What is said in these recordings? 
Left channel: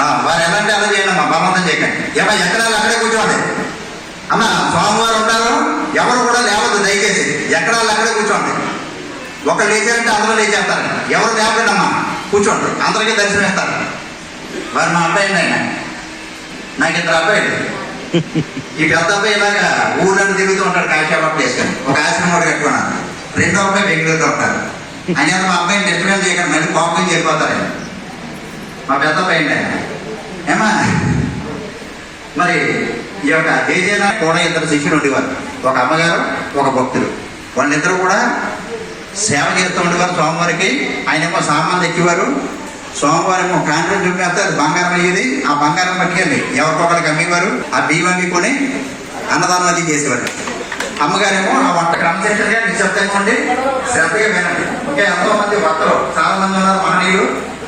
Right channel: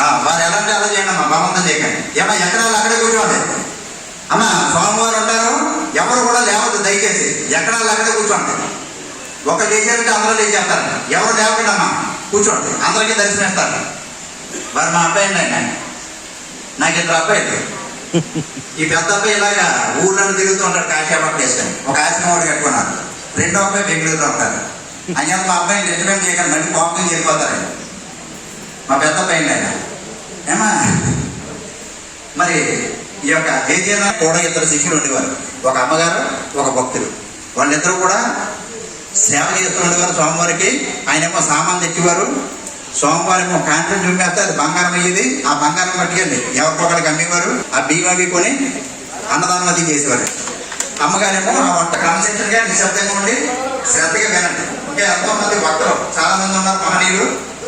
వారు ఎలా అంటే అలా చేయండి అమ్మా బలవంతం చేయకండి. ఏమన్నా ఎకరాలు అక్కడే కూర్చోండి అన్న స్వామివారు ఉంటారు ఎవరు కూడా లేవద్దు దయచేసి. ఎకరాలు అక్కడే కూర్చోండి. ఒక లేచారంటే అందరూ లేచేస్తారు. ఎవరు లేవకండి అమ్మా కూర్చోండి. అందరికీ దర్శనం ఇస్తారు. వారు మా అబ్బాయి అండి ఆయన. నాకు ఇద్దరు అబ్బాయిలు. ఈ పెద్ద అబ్బాయి ఇలాగా ఊళ్ళని తిరుగుతూ ఉంటాడు కాశీబాబు వేసుకొని ఒక ఆశ్రమం కట్టుకున్నాను. రెండో అబ్బాయి బెంగళూరులో ఉంటారు అని మా అబ్బాయిని డిస్టర్బెన్స్ చేయకండి మళ్ళీ కోపం చేరిపోతారు మా పెద్ద అబ్బాయి అండి ఆయన. ఏమా? మరి ఈ యొక్క జేజేన కూడా ఇద్దరు శిష్యులు ఉండేవారు. ఒక అమ్మగారు ఒక భక్తులు. వాళ్ళిద్దరూ కూడా సేవ చేస్తూ ఉండేవారు స్వామివారికి. ఆయన ఏమో తెచ్చేవారు సోమవారం ఏమో కాంట్రాక్ట్ చూపిస్తే అది బంగారం అయ్యేది. ఆ బంగారం పట్టుకెళ్ళి ఎవరికొకరికి అమ్మేవారు. ఆ బియ్యం కొని అన్నదానం అది చేసేవారు. అమ్మగారేమో ఆ వంట కాన్సెంట్రేట్గా నిశ్శబ్దంగా ఉండి శ్రద్ధగా వినండి. ఇంకా ఎంతో మంది భక్తులు చాలా మంది ఉన్నారు మహనీయులు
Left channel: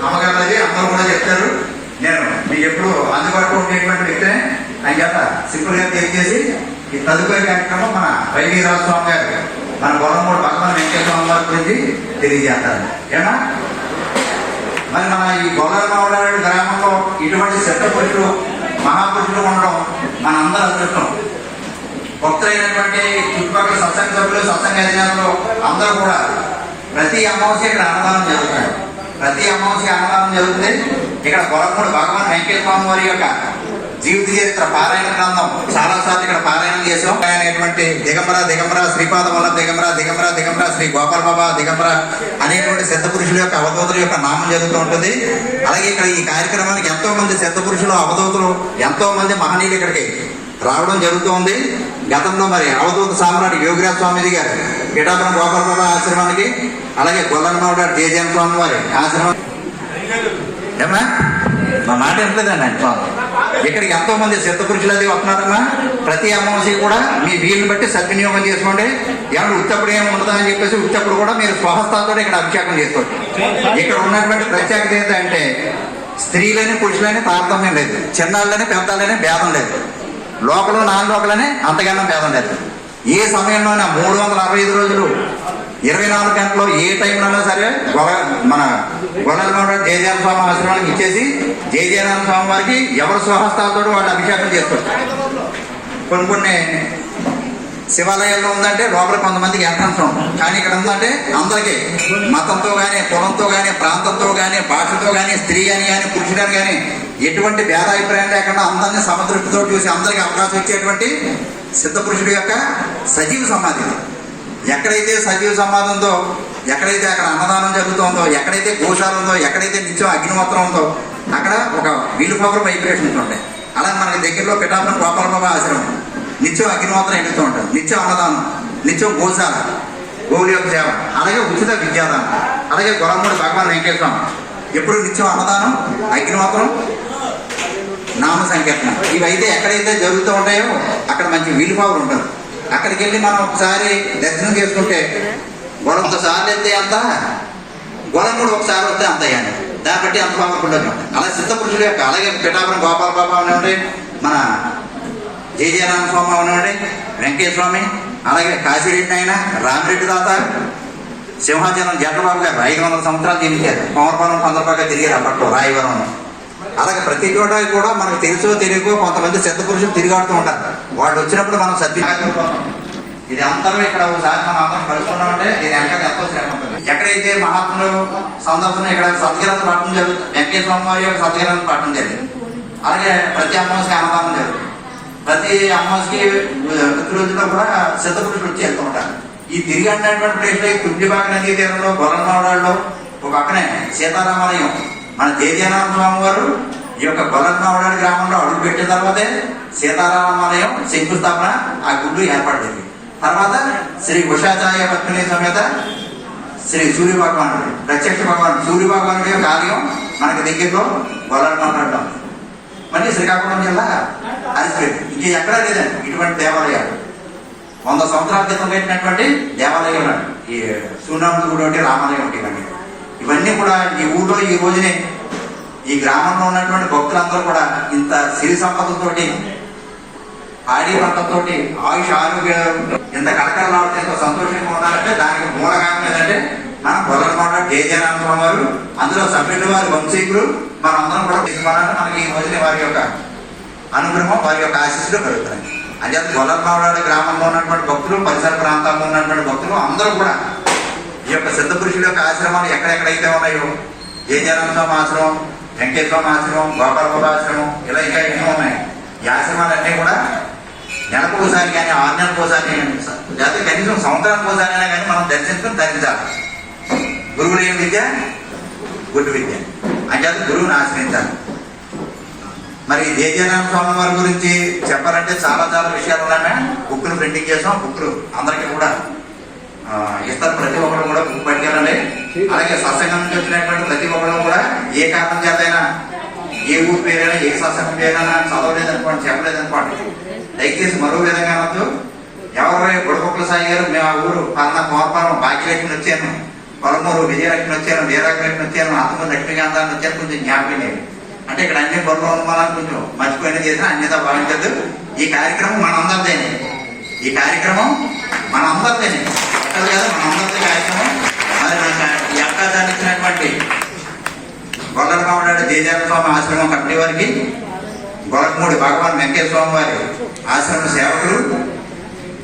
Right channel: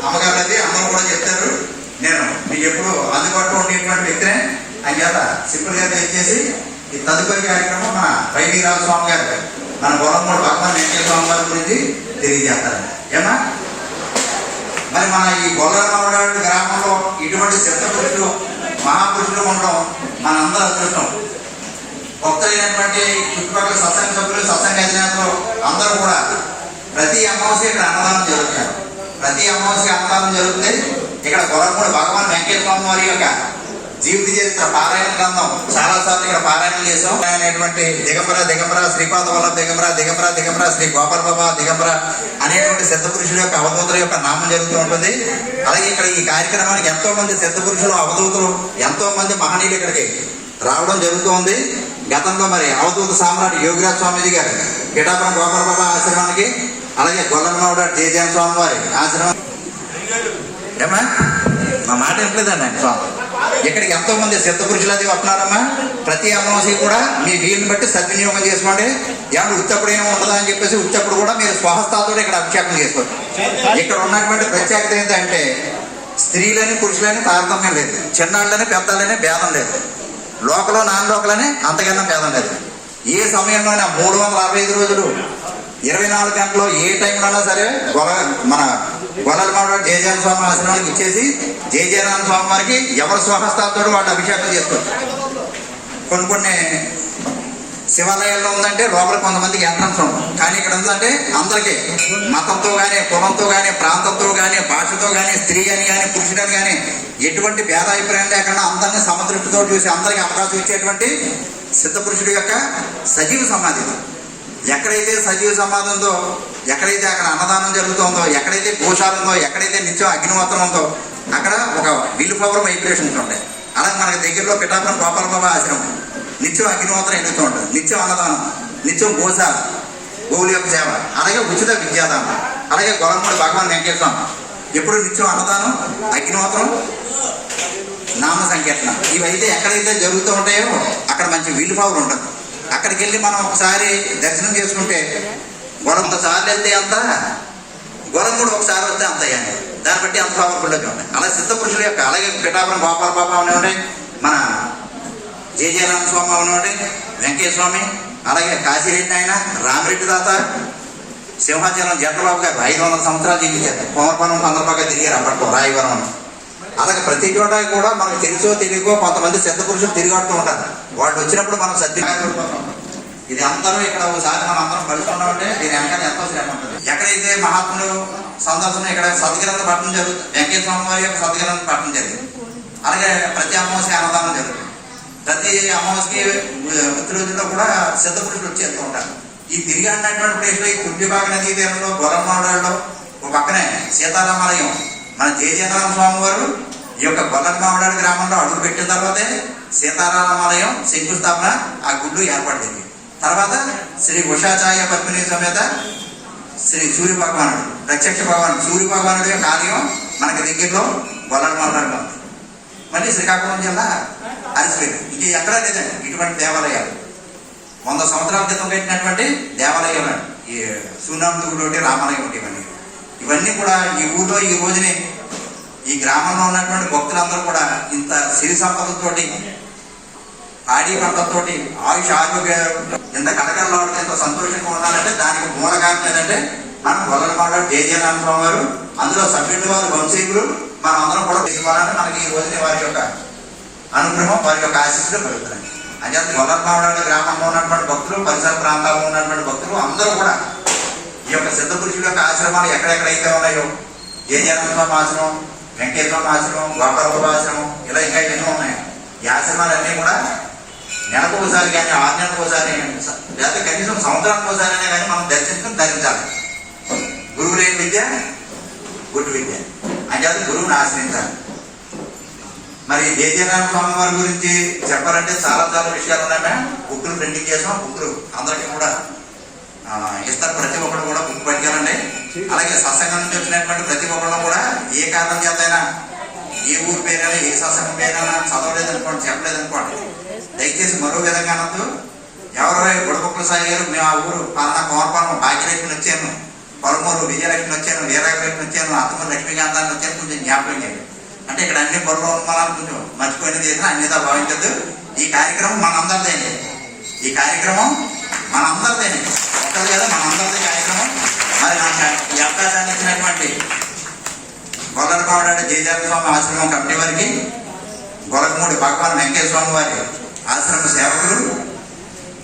అమ్మగారు అది అందరూ కూడా చెప్తారు. నేను మీకు ఎప్పుడు అందుబాటులో ఉండేటువంటి వ్యక్తినే. అంచేత సింపుల్గా తెలియజేసి ఈ తదుపరి కార్యక్రమం మన వైవీరాజు స్వామి గారు మన బొల్లమూడు భగవాన్ వెంకటేశ్వర స్వామి వారి గురించి తెలియజేస్తారు. ఏమా? మరి మన ఈ గొల్లమావడాడు గ్రామంలో ఇటువంటి సిద్ధ మహాపురుషులు ఉండడం మన అందరూ అదృష్టం. భక్తులైనటువంటి చుట్టుపక్కల సత్సంగ సభ్యులు సత్సంగ అధినేతలు అందరూ కూడా ప్రతి అమావాస్య ఇక్కడ అన్నదానం జరుగుతాయి ప్రతి అమావాస్య అన్నదానం జరుగుతుంది. ఇక్కడ గొలమూడు భగవాన్ వెంకటేశ్వర వారి యొక్క జీవిత చరిత్ర పారాయణ గ్రంథం చాలా సార్లు ఇక్కడ పారాయణం చేసాం అనేటువంటి దిగంబర దిగంబర శ్రీపాద వల్లభ దిగంబర దిగంబర దిగంబర శ్రీ గోపాల బాబా దిగంబర అనేటువంటి సిద్ధ పురుషుల యొక్క అవధూతుల యొక్క నామం జరుగుతూ ఉంటుంది. అలాగే ఇక్కడ ఈ కార్యక్రమానికి ఎంతో మంది సిద్ధ పురుషులు అవధూతులు ఎంతో మంది మహనీయులు ఇక్కడికి రావడం జరుగుతూ ఉంది. గతంలో మరి అవధూత సామ్రాట్ యోగిరాజ్ స్వామిజీ గారు గిటాపురం గోపాల బాబా ఆశ్రమానికి అలాగే గొల్లనోడ జయజయన్ స్వామి వారి ఆశ్రమం ఏమా మా మాట ఎంతదండి ఆయన స్వామి. ఇక్కడికి ఎంతోమంది సిద్ధ పురుషులు అది వస్తున్నారమ్మా. ప్రతి అమావాస్య కూడా మీ వీలుని బట్టి సద్వినియోగం చేసుకోండి. ఏమన్నా ఉత్తప్పుడు ఏమి అని చెప్పేసి ఉత్తప్పుడు కూడా మీరు స్వహస్తాలతో ఇక్కడ అభిషేకం చేసుకోవచ్చు. ఇక్కడ ఉన్నటువంటి ప్రత్యేకత ఏంటంటే స్త్రీలని పురుషులని తారతమ్యం లేదు. చిన్నాళ్ళని పెద్దలని భేదం లేదు. లోకలు నాన్ లోకలని అంతగానో భేదం లేదు. ఏ సమయంలోనే మూడు వందల అరవై ఐదు రోజులు ఇరవై నాలుగు గంటలు ఏ టైంలోనైనా సరే గొల మన గొలర్మడ జయజాన స్వామి ఆశ్రమానికి ఇచ్చేసి జయజయనాథ స్వామి వారికి ఎవరి స్వహస్తాలతో వాళ్ళు అభిషేకం చేసుకోవచ్చు కొన్ని కొన్ని శివాలయాల్లో ఉందంటే లోపల కొంతమందికి ఎంట్రన్స్ ఉంటాం కానీ ఇక్కడ ఉందంటే అందరికీ మతంతో కానీ కులంతో కానీ ప్రాంతంతో కానీ భాషతో కానీ స్త్రీ అని కానీ పురుషుడని కానీ ఎటువంటి భేదాభిప్రాయం లేకుండా అందరినీ సమదృష్టితో చూసి అందరికీ అవకాశం ఇచ్చేటువంటి సిద్ధ పురుషుడి యొక్క సజీవ సమాధి ఇది. ఎక్కడైతే సజీవ సమాధి ఉందో ఎక్కడైతే అక్కడ అన్నదానం జరుగుతుందో ఎక్కడైతే గోశాల ఉందో ఎక్కడైతే నిత్యం అగ్నిమాత్రం ఉందో అక్కడ ఒక విండ్ పవర్ వైబ్రేషన్స్ ఉంటాయి. అలా మనకి దగ్గరలో పిఠాపురం గోపాల ఆశ్రమం. నిత్యం అగ్నిమాత్రం ఎన్నుతూ ఉంటాం. నిత్యం అన్నదానం నిత్యం గోశాల గోవుల యొక్క సేవ అలాగే ఉచిత విద్యాదానం అలాగే గొలమూడి భగవాన్ వెంకటేశ్వరం ఎప్పుడు నిత్యం అన్నదానం అగ్నిమాత్రం నామ సంకీర్తన. ఇవైతే ఎక్కడైతే జరుగుతూ ఉంటాయో అక్కడ మంచి వీలు పవర్ ఉంటుంది అక్కడికి వెళ్ళి మనం ఒకసారి దర్శనం చేసుకుంటే గొలంత సార్లు వెళ్తే అంత? గొలం కూడా ఒకసారి వస్తే అంత అయ్యాలి. దాన్ని బట్టి అంత పవర్ఫుల్ ఉంటాయి అలా సిద్ధ పురుషుడు యొక్క అలాగే పిఠాపురం గోపాల బాబా అనేవాడి మన జయజయరామ స్వామి అనేవాడి వెంకయ్య స్వామి అలాగే కాశీరెడ్డి ఆయన రామిరెడ్డి దాత సింహాచలం జగబాబు గారు ఐదు వందల సంవత్సరాలు జీవించారు. కోమరపురం పందరపాక తిరిగారు అప్పట్లో రాయవరం. అలాగే ప్రతి చోట కూడా మనకు తెలుసో తెలియకో కొంతమంది సిద్ధ పురుషులు తిరిగాడుతూ ఉంటారు. వాళ్ళు వచ్చినప్పుడు మనం సద్వినియోగం ఇది అందరూ ఇక్కడ ఒకసారి మనం అందరం కలుసుకున్నామంటే ఇది వెనకాల ఎంతో శ్రమ ఉంటుంది. ఎక్కడైతే మహాత్ములు సందర్శన ఇక్కడ సత్యగ్రంథ పట్టణం జరుగుతుంది వెంకటేశ్వర స్వామి వారి యొక్క సత్యగ్రంథ పట్టణం జరుగుతుంది. అలాగే ప్రతి అమావాస్య అన్నదానం జరుగుతుంది. ప్రతి అమావాస్యకి ప్రతి రోజుల్లో కూడా సిద్ధ పురుషులు వచ్చి వెళ్తూ ఉంటారు. ఈ తిరిగి అన్నటువంటి ప్లేస్లో కుంభిబాగ నదీ తీరంలో గొర్రమావడాల్లో ఒక పక్కనే సీతారామాలయం మన జయజయనాథ స్వామి వారు ఈ యొక్క గొల్లమావడాడి గ్రామంలో అడుగు పెట్టిన తర్వాతే సీతారామాలయం శంకుస్థాపన ఆ గుడ్డు ఏర్పడింది తర్వాత శ్రీ ఉషాచార్య పత్ని సమేత శ్రీ సూర్య భగవానుడు ప్రత్యక్ష భగవానుడు సూర్య భగవానుడి యొక్క ఆలయం మనకి దగ్గరలో గొల్లమావడాలో ఉంది. మళ్ళీ శ్రీకాకుళం జిల్లా అరిసిపేట ఇంక ఎక్కడా లేదండి ఇటువంటి దేవాలయాలు. వంద సంవత్సరాల క్రితం పెట్టినటువంటి దేవాలయం ఈ సూర్యనాథుడు గుడి ఒకటి రామాలయం ఒకటి ఇవన్నీ. ఇవన్నీ కూడా ఈ ఊళ్ళో ఈ రోజునే ఈ గ్రామంలో ఉన్నటువంటి భక్తులందరూ కూడా ఇంత సిరి సంపదతోటి పాడి పంటతోటి ఆయుష్ ఆరోగ్యాలు ఎంత కలకలలాడితే ఎంత సంతోషంగా ఉండాలంటే దానికి మూల కారణం ఏంటంటే మన గొల్లమాడ జయజయరామ వారు అందులో సభ్యులు వారి వంశీకులు మనం అందరం కూడా తీసుకోవాలని మనకి ఈ రోజున వారి యొక్క అనుగ్రహం వారి యొక్క ఆశీస్సులు కలుగుతున్నాయి. అంటే గొల్లమాడ గ్రామంలో ఉన్నటువంటి భక్తులు పరిసర ప్రాంతాల్లో ఉన్నటువంటి భక్తులు అందరూ కూడా ఈ యొక్క సిద్ధ పురుషుల యొక్క ఆశ్రమాలు ఎక్కడెక్కడైతే ఉన్నాయో జయజయరామ స్వామి ఆశ్రమం వెంకటేశ్వర ఆశ్రమం గోపాలబాబు ఆశ్రమం ఇలా ఇంకా ఎన్నో ఉన్నాయి. ఈ ఆశ్రమాలన్నీ కూడా నెలకు ఒకసారి కానీ ఆరు నెలలకు ఒకసారి లేకపోతే కనీసం సంవత్సరానికి ఒకసారి అయినా కానీ మనం దర్శించడం ధరించాలి గురువు లేని విద్య గుడ్డు విద్య. అంచేత గురువుని ఆశ్రయించాలి. మరి జయజయనారాయణ స్వామి వారి గురించి చెప్పాలంటే చాలా చాలా విషయాలు ఉన్నాయా? బుక్లు ప్రింటింగ్ చేసాం బుక్లు అందరికీ కూడా ఇస్తారు ప్రతి ఒక్కరు కూడా బుక్ పట్టుకెళ్ళండి అలాగే సత్సంగం నుంచి వచ్చినటువంటి ప్రతి ఒక్కరు కూడా ఏ కారణం చేతైనా ఏ ఊరి పేరైనా ఏ సత్సంగం పేరైనా చదవలేదనుకోండి చెప్పలేదనుకోండి. దయచేసి మరో విధంగా అనొద్దు. ఎవరు బుడపక్కల సాయి గారు మేము ఆ ఊరు పలానా కోరపాలెం భాగ్యలక్ష్మి వచ్చాను పొలమూరు విజయలక్ష్మి వచ్చాను వీరాలక్ష్మి వచ్చాను అత్తమూరు లక్ష్మీకాంతాన్ని వచ్చాను కొంచెం జ్ఞాపకం చేయండి. అంటే ఇక్కడ అన్ని బుర్రలో ఉన్నామని కొంచెం మర్చిపోయిన చేసిన అన్యత భావించద్దు. ఈ కార్యక్రమం మనందరిదేనే ఈ కార్యక్రమం మనందరిదేనే ఎక్కడ కదా మనందరిదే కార్యక్రమం మరి మన ఈ అవకాశాన్ని ఇచ్చినటువంటి గొల్లలబాబు జయజాత స్వామి ఆశ్రమం కమిటీ వారికి గొలకమూడి భగవాన్ వెంకయ్య స్వామి వారి ఆశ్రమ సేవకులు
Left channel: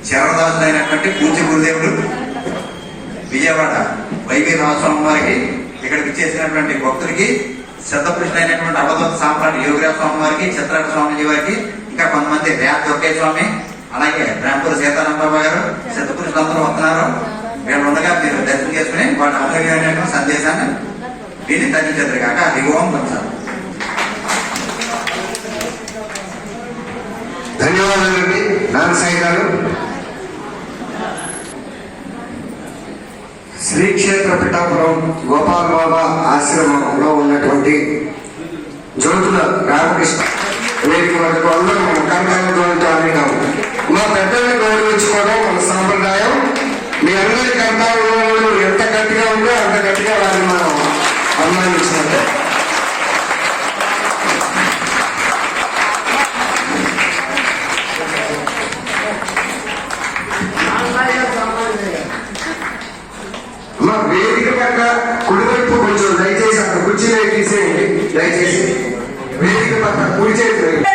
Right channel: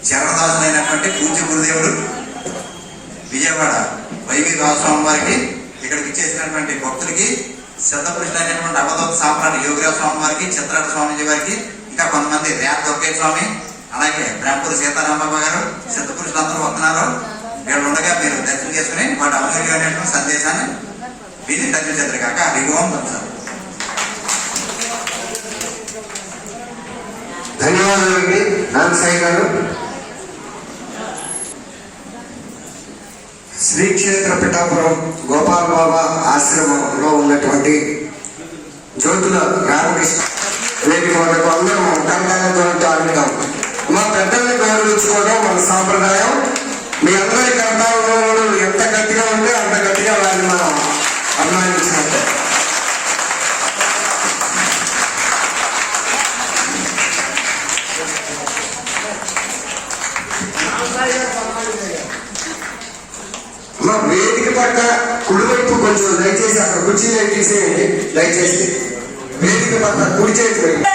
శరణదాసులైనటువంటి పూజ్య గురుదేవులు విజయవాడ వైవి స్వామి వారికి ఇక్కడికి చేసినటువంటి భక్తులకి సిద్ధపురుషులైనటువంటి అవధూత సామ్రాట్ యోగిరాజ స్వామి వారికి చిత్రాట స్వామిజీ వారికి ఇంకా కొంతమంది రేత దుర్గయ్య స్వామి అలాగే బ్రహ్మపురి సీతారామబాబు గారు సిద్ధపురి సిద్ధపురుషులందరూ వస్తున్నారు. వీళ్ళు ఉండగా మీరు దర్శనం చేసుకుని వాటి అమూల్యమైనటువంటి సందేశాన్ని వీరిని తగ్గించారు కాక హరిగోం పొందుతారు తంత్రం ధన్యవాదాలండి. నాన్న సాయి గారు. శ్రీక్షేత్ర పిఠాపురం గోపాల బాబా ఆశ్రమంలో ఉన్నటువంటి జ్యోతుల రామకృష్ణ వేదిక వరకు అందరూ మన మీ అందరి ఎంత గట్టిగా ఉంటే అంత గట్టిగా వారిని మనం మా వేదిక పక్క కుడివైపు కొంచెం దయచేసి అక్కడ కుర్చీ తీసేయండి. దయచేసి వేదిక పక్క కుడి చేతి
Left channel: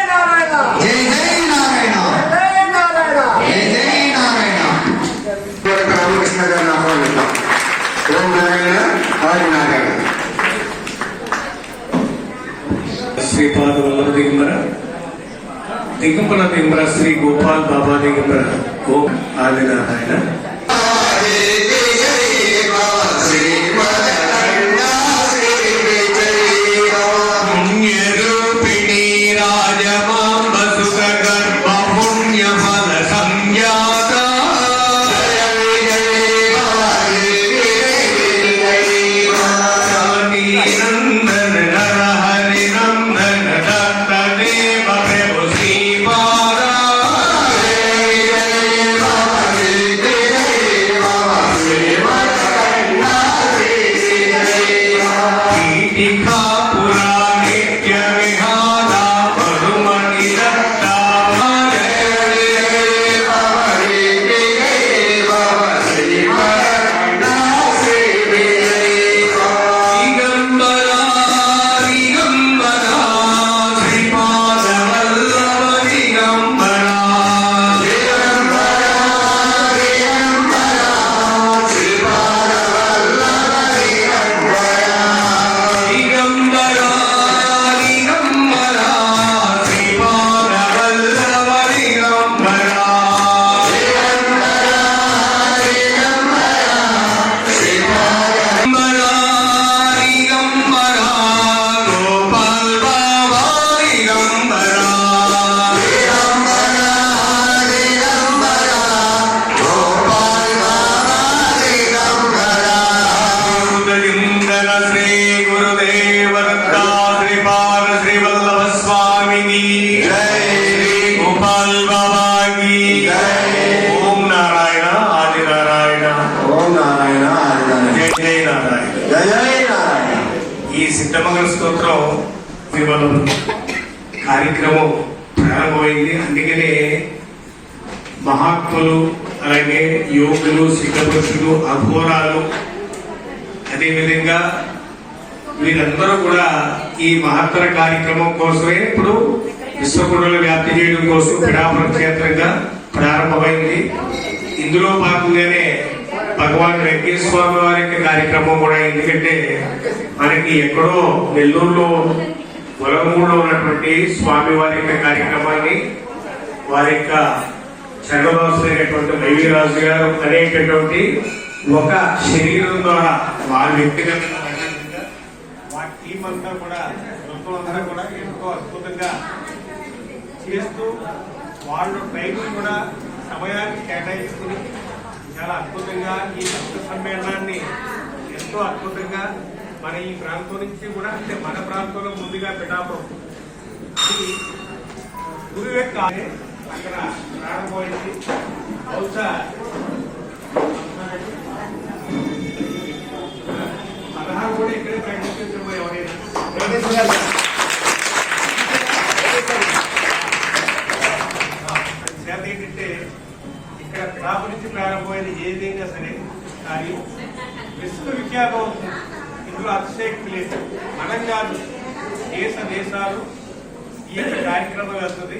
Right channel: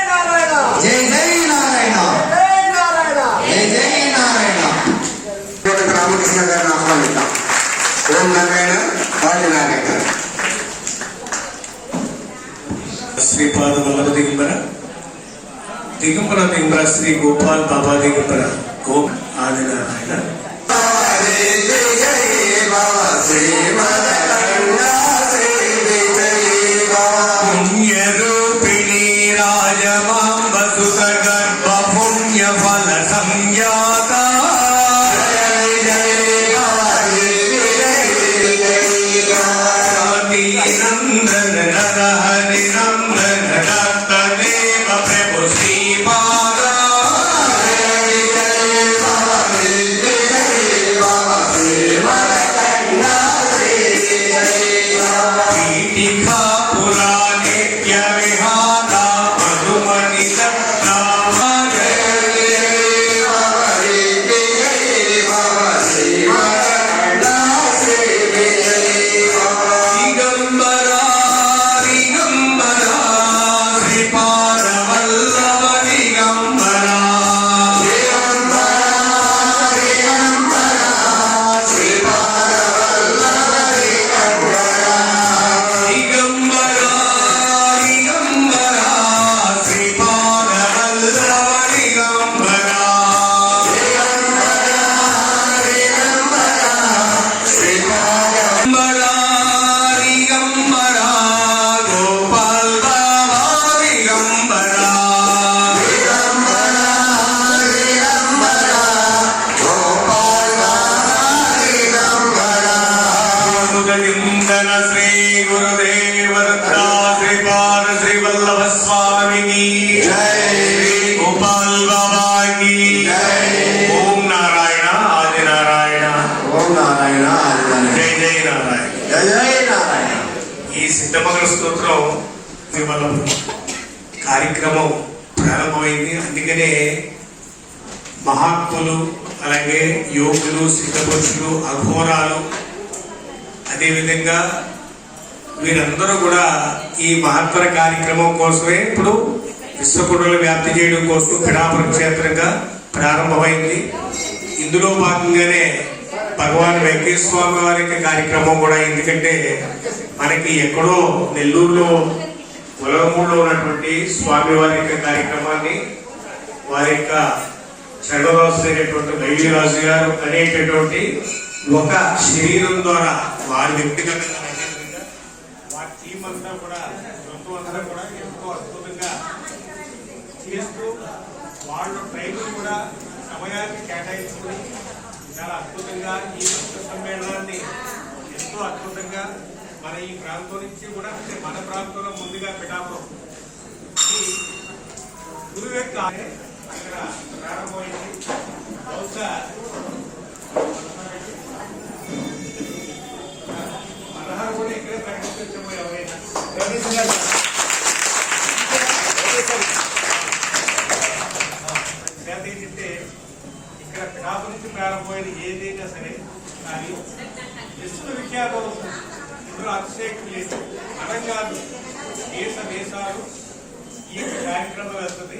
శ్రీపాద వల్లభ దిగంబర దిగంబర దిగంబర శ్రీ గోపాల్ బాబా దిగంబర. ఓం ఆదినారాయణ. because ఈ సిద్ధమంగళ స్తోత్రం కేవలం కార్యక్రమం ప్రారంభమైంది. అందుకనే మహాత్ములు అలాగే యోగులు సిద్ధపురుషులు అఘోరాలు అదేవిధంగా వీరందరూ కూడా ఈ మహత్తర కార్యక్రమం కోసమే ఇప్పుడు విశ్వకుడులు వ్యాప్తి చేయడం కోసం పిడాపురం క్షేత్రంగా ప్రారంభమైంది. ఇందులో భాగంగానే భగవాన్ వెంకటేశ్వర స్వామి వారి యొక్క కార్యక్రమం కూడా ఎందుకంటే మనకి ఎక్కడో నెల్లూరులో తొలగమూడులో ఉన్నటువంటి స్వామి వారి యొక్క కార్యక్రమాన్ని వారి యొక్క చర్మదాసులైనటువంటి రవిరాజు గారు అనేటటువంటి ఒక శరీరం ద్వారా వారి వ్యక్తిగత వారి టీం అంతా కూడా మొత్తం అంతా కూడా ఎంతో అద్భుతంగా చేస్తూ వాళ్ళు టైం కూడా సమయాన్ని కేటాయించుకుని చాలా అద్భుతంగా ఈ భక్త సమ్మేళనాన్ని ఎంతో అద్భుతంగా మన ఈ ప్రాంతం నుంచి కూడా అంటే మన ప్రాంతంలో ముందుగా పిఠాపురం. ఇది యొక్క అక్కడ ప్రారంభమైంది. బహుశా పదహారు కూడా ఇక్కడే ప్రకటించబోయే ఎవరైనా చేత ఏంటంటే ఇక్కడ పిడాపు నుంచి ప్రారంభమైన ఏదైనా సరే. కానీ విశ్వవిఖ్యాతం అవుతుంది ఇందులో అతిశయక్తి లేదు. మనం కాదు దేశ దేశాలు ఈ యొక్క కార్యక్రమం వెళ్తుంది.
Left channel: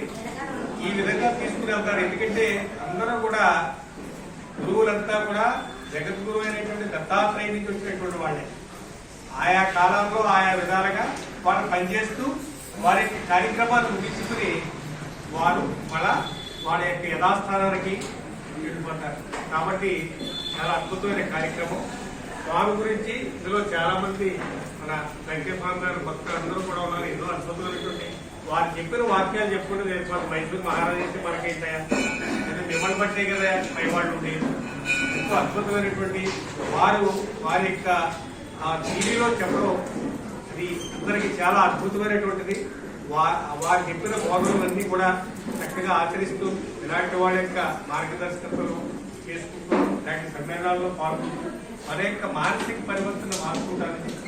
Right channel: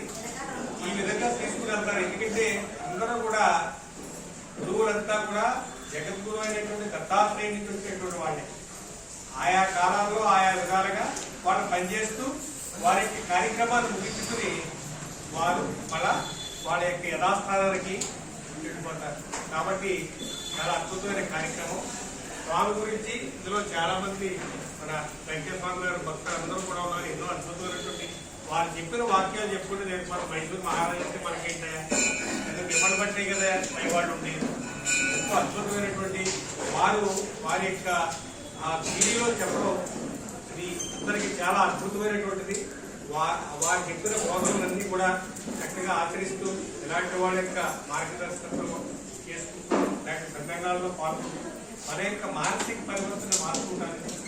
ఈ విధంగా తీసుకుని వెళ్తారు ఎందుకంటే అందరూ కూడా గురువులంతా కూడా జగద్గురు అయినటువంటి దత్తాత్రేయ నుంచి వచ్చినటువంటి వాళ్ళే. ఆయా కాలంలో ఆయా విధాలుగా వాళ్ళు పనిచేస్తూ వారి యొక్క కార్యక్రమాలు ముగించుకుని వారు మళ్ళా వాళ్ళ యొక్క యథాస్థానానికి వెళ్ళిపోతారు కాబట్టి చాలా అద్భుతమైన కార్యక్రమం. స్వామి గురించి ఇందులో చాలా మంది మన వెంకటస్వామి గారు భక్తులు అందరూ కూడా ఉన్నారు. ఎన్నో అద్భుతమైనటువంటి వారు చెప్పిన వాక్యాలు చెప్పుకుంటే నేను మన మైసూరు మహారాజు అయితే మనకేంటయా ఇది మిమ్మల్ని పట్టే కదా పై వాళ్ళు ఉండేది. ఎంతో అద్భుతమైనటువంటి వారు వారి యొక్క ఆ టీవీలో చెప్పడం అది అందరికి చాలా అద్భుతమైనటువంటిది. వా- వారు చెప్పిన బోధనలన్నీ కూడా చక్కగా ఆచరిస్తూ ఇలాంటి వాళ్ళ యొక్క మార్గదర్శకత్వం చేసుకుంటూ ఇలాంటి సమ్మేళనాల్లో పాల్గొంటూ మన యొక్క మానసిక పరివర్తన మార్చుకుంటారని కోరుకుంటున్నాను